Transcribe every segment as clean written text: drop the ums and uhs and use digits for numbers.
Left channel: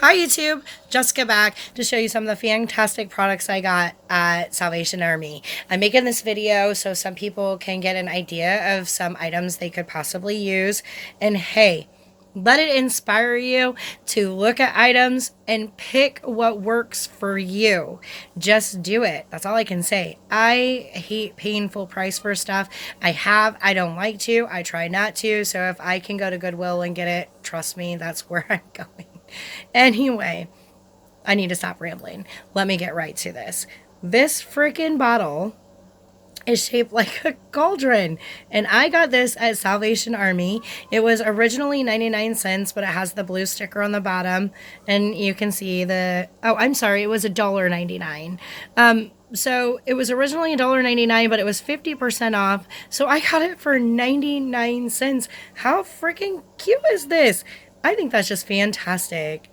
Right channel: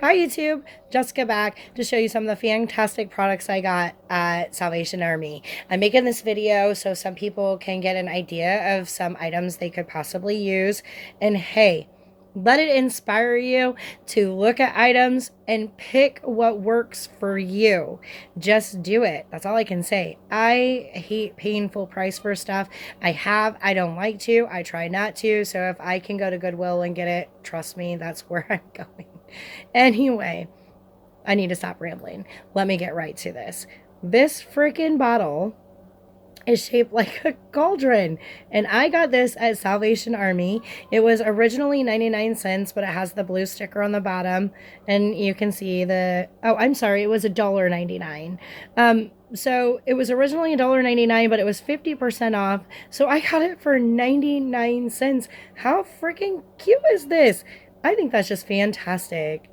Hi YouTube, Jessica back to show you some of the fantastic products I got at Salvation Army. I'm making this video so some people can get an idea of some items they could possibly use. And hey, let it inspire you to look at items and pick what works for you. Just do it. That's all I can say. I hate paying full price for stuff. I don't like to. I try not to. So if I can go to Goodwill and get it, trust me, that's where I'm going. Anyway, I need to stop rambling. Let me get right to this. This freaking bottle is shaped like a cauldron, and I got this at Salvation Army. It was originally 99 cents, but it has the blue sticker on the bottom, and you can see it was $1.99. So it was originally $1.99, but it was 50% off, so I got it for 99 cents. How freaking cute is this? I think that's just fantastic.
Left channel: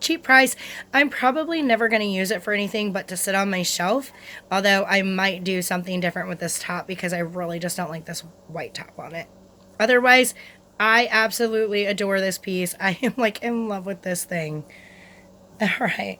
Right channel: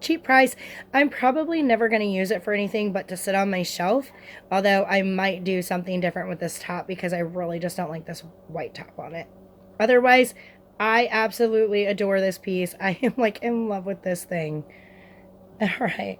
Cheap price. I'm probably never going to use it for anything but to sit on my shelf, although I might do something different with this top because I really just don't like this white top on it. Otherwise, I absolutely adore this piece. I am like in love with this thing. All right.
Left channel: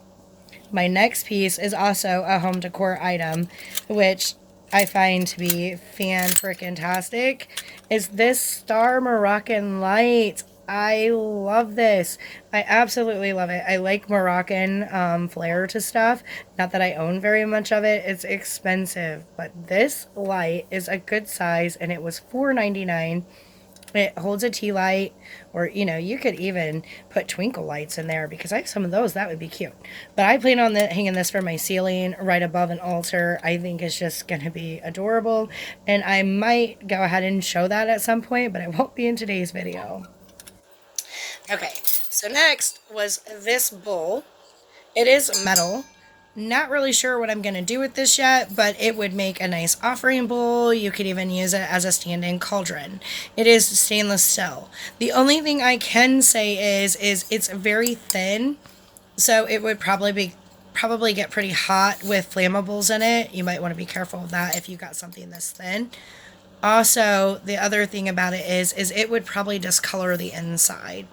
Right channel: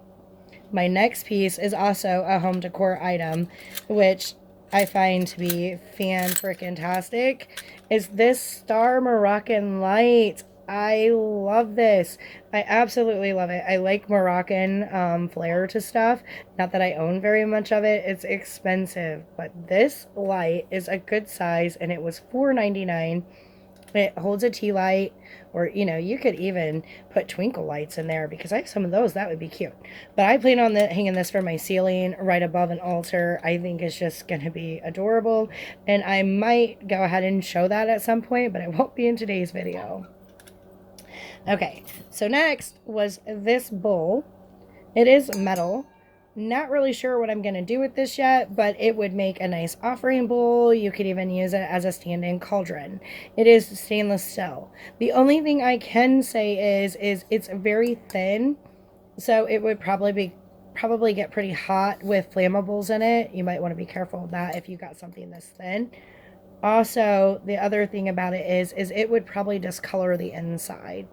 My next piece is also a home decor item, which I find to be fan-freaking-tastic, is this star Moroccan light. I love this. I absolutely love it. I like Moroccan flair to stuff. Not that I own very much of it. It's expensive, but this light is a good size, and it was $4.99. It holds a tea light, or you could even put twinkle lights in there because I have some of those. That would be cute. But I plan on hanging this from my ceiling right above an altar. I think it's just going to be adorable, and I might go ahead and show that at some point, but it won't be in today's video. Okay, so next was this bowl. It is metal. Not really sure what I'm going to do with this yet, but it would make a nice offering bowl. You could even use it as a stand-in cauldron. It is stainless steel. The only thing I can say is it's very thin, so it would probably get pretty hot with flammables in it. You might want to be careful of that if you got something this thin. Also, the other thing about it is it would probably discolor the inside.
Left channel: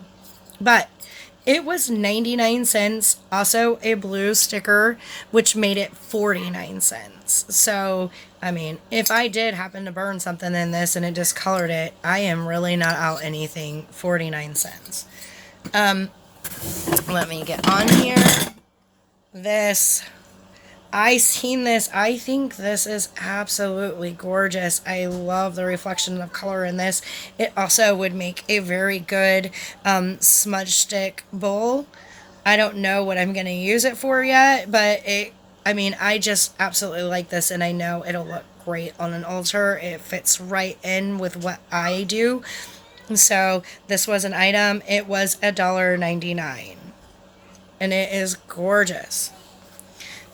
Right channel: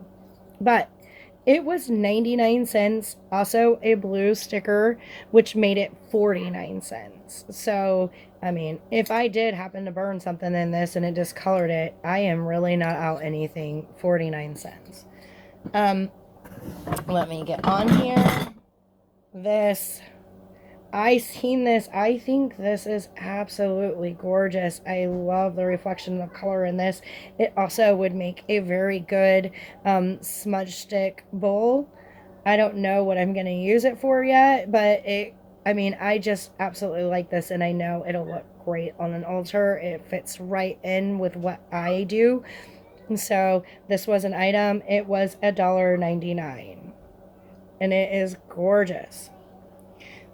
But it was 99 cents, also a blue sticker, which made it 49 cents. So, I mean, if I did happen to burn something in this and it discolored it, I am really not out anything. 49 cents. Let me get on here. I seen this. I think this is absolutely gorgeous. I love the reflection of color in this. It also would make a very good smudge stick bowl. I don't know what I'm going to use it for yet, but I just absolutely like this, and I know it'll look great on an altar. It fits right in with what I do. So this was an item. It was $1.99, and it is gorgeous.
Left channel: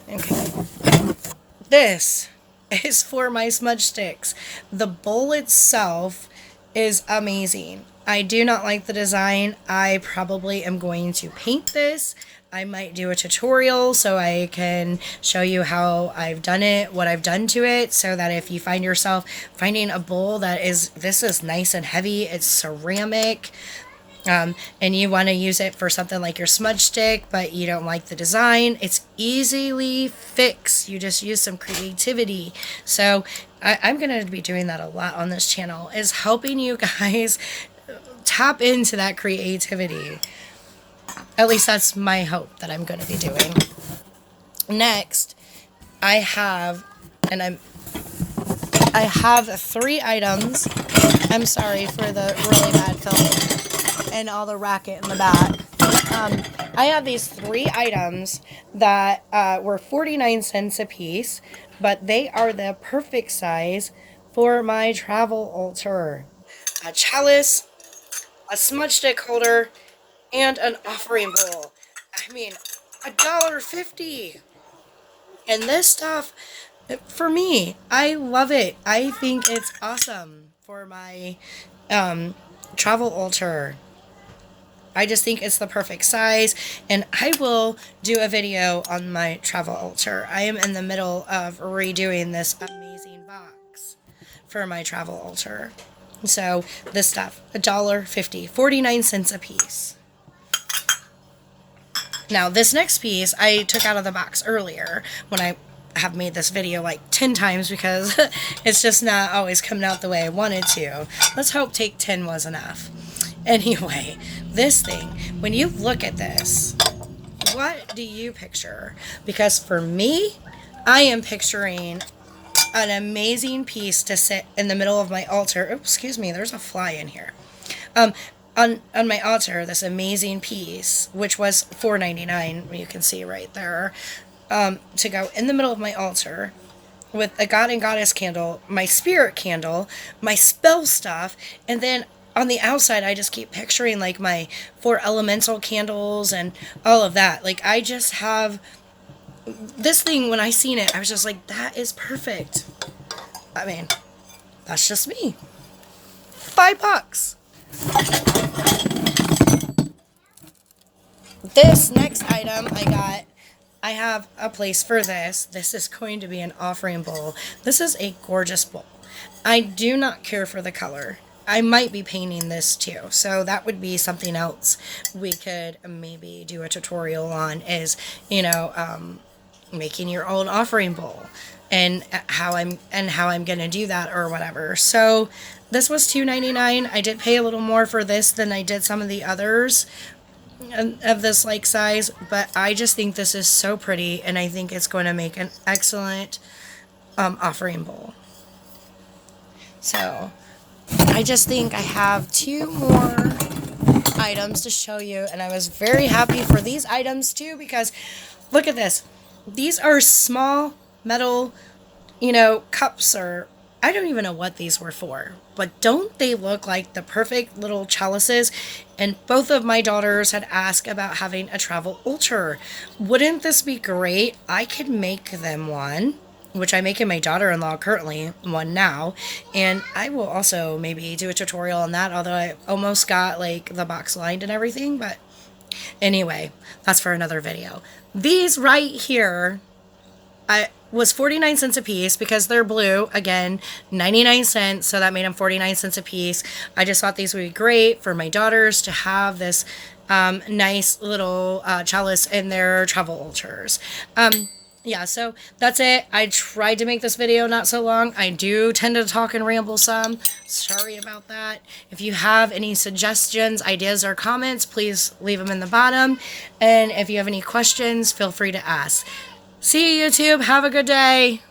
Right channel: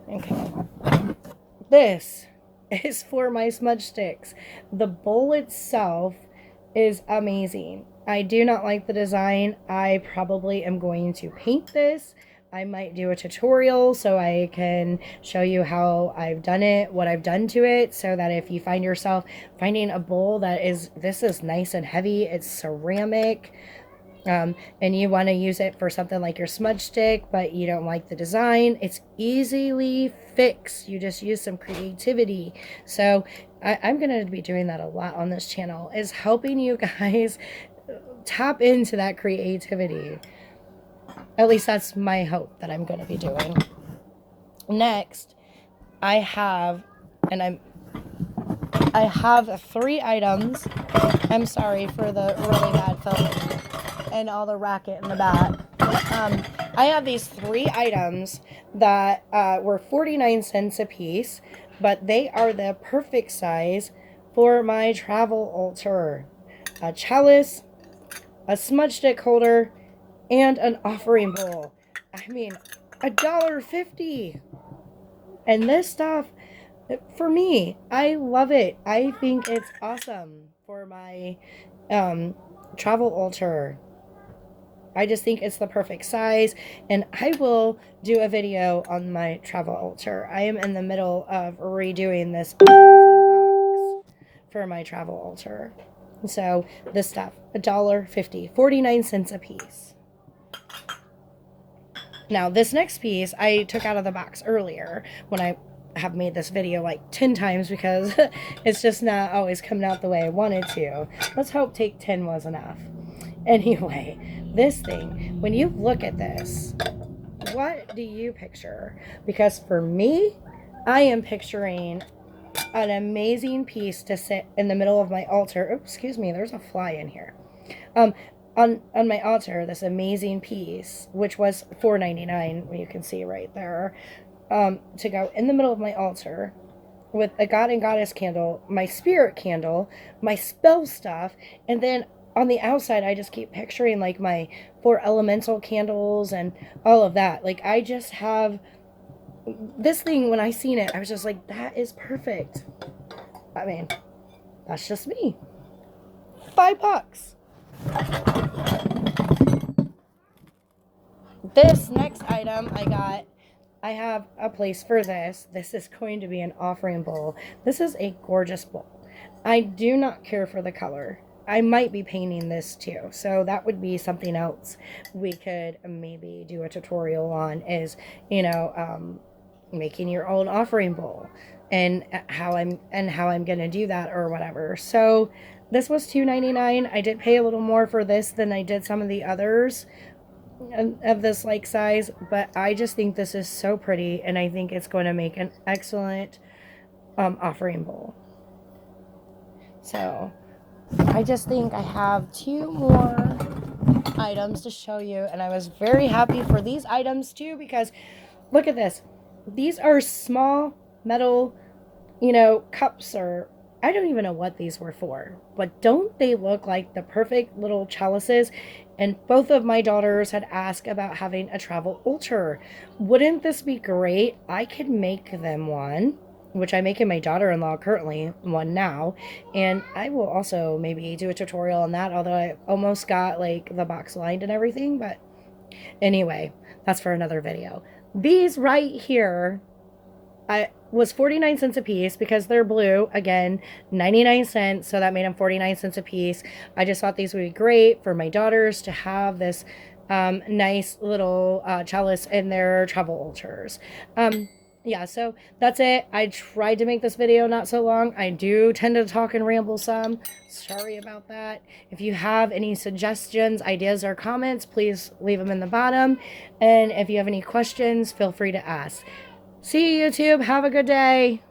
Okay. This is for my smudge sticks. The bowl itself is amazing. I do not like the design. I probably am going to paint this. I might do a tutorial so I can show you how I've done it, what I've done to it, so that if you find yourself finding a bowl this is nice and heavy, it's ceramic, and you want to use it for something like your smudge stick, but you don't like the design, it's easily fixed. You just use some creativity. So I'm going to be doing that a lot on this channel, is helping you guys tap into that creativity. At least that's my hope that I'm going to be doing. Next, I have 3 items. I'm sorry for the really bad film and all the racket in the back. I have these 3 items that were 49 cents a piece, but they are the perfect size for my travel altar. A chalice, a smudge stick holder, and an offering bowl. I mean, $1.50. And this stuff, for me, I love it. I think it's awesome for my travel altar. I just think it's the perfect size, and I will do a video on my travel altar. I am in the middle of redoing this amazing box for my travel altar. So this stuff, $1.50, 49 cents a piece. Now, this next piece I took out of the box earlier when I have made this video like 10 times because it's just not always coming out the way I wanted to. Let's hope take 10 was enough. Anyway, this thing, when you look at this, what do you picture? Because for me, I am picturing an amazing piece to sit in the middle of my altar. Oops, excuse me, there's a fly in here. On my altar, this amazing piece, which was $4.99, you can see right there, to go in the middle of my altar with a god and goddess candle, my spirit candle, my spell stuff, and then on the outside, I just keep picturing like my 4 elemental candles and all of that. Like, I just have this thing. When I seen it, I was just like, that is perfect. I mean, that's just me. $5. This next item I have a place for this. This is going to be an offering bowl. This is a gorgeous bowl. I do not care for the color. I might be painting this too, so that would be something else we could maybe do a tutorial on, is, you know, making your own offering bowl and how I'm going to do that or whatever. So this was $2.99. I did pay a little more for this than I did some of the others of this like size, but I just think this is so pretty, and I think it's going to make an excellent offering bowl. So I just think I have 2 more items to show you, and I was very happy for these items too, because look at this. These are small metal, you know, cups, or I don't even know what these were for, but don't they look like the perfect little chalices? And both of my daughters had asked about having a travel altar. Wouldn't this be great? I could make them one, which I'm making my daughter-in-law currently one now, and I will also maybe do a tutorial on that, although I almost got like the box lined and everything. But anyway, that's for another video. These right here, I was 49 cents a piece because they're blue. Again, 99 cents, so that made them 49 cents a piece. I just thought these would be great for my daughters to have this nice little chalice in their travel altars. Yeah, so that's it. I tried to make this video not so long. I do tend to talk and ramble some. Sorry about that. If you have any suggestions, ideas, or comments, please leave them in the bottom. And if you have any questions, feel free to ask. See you, YouTube. Have a good day.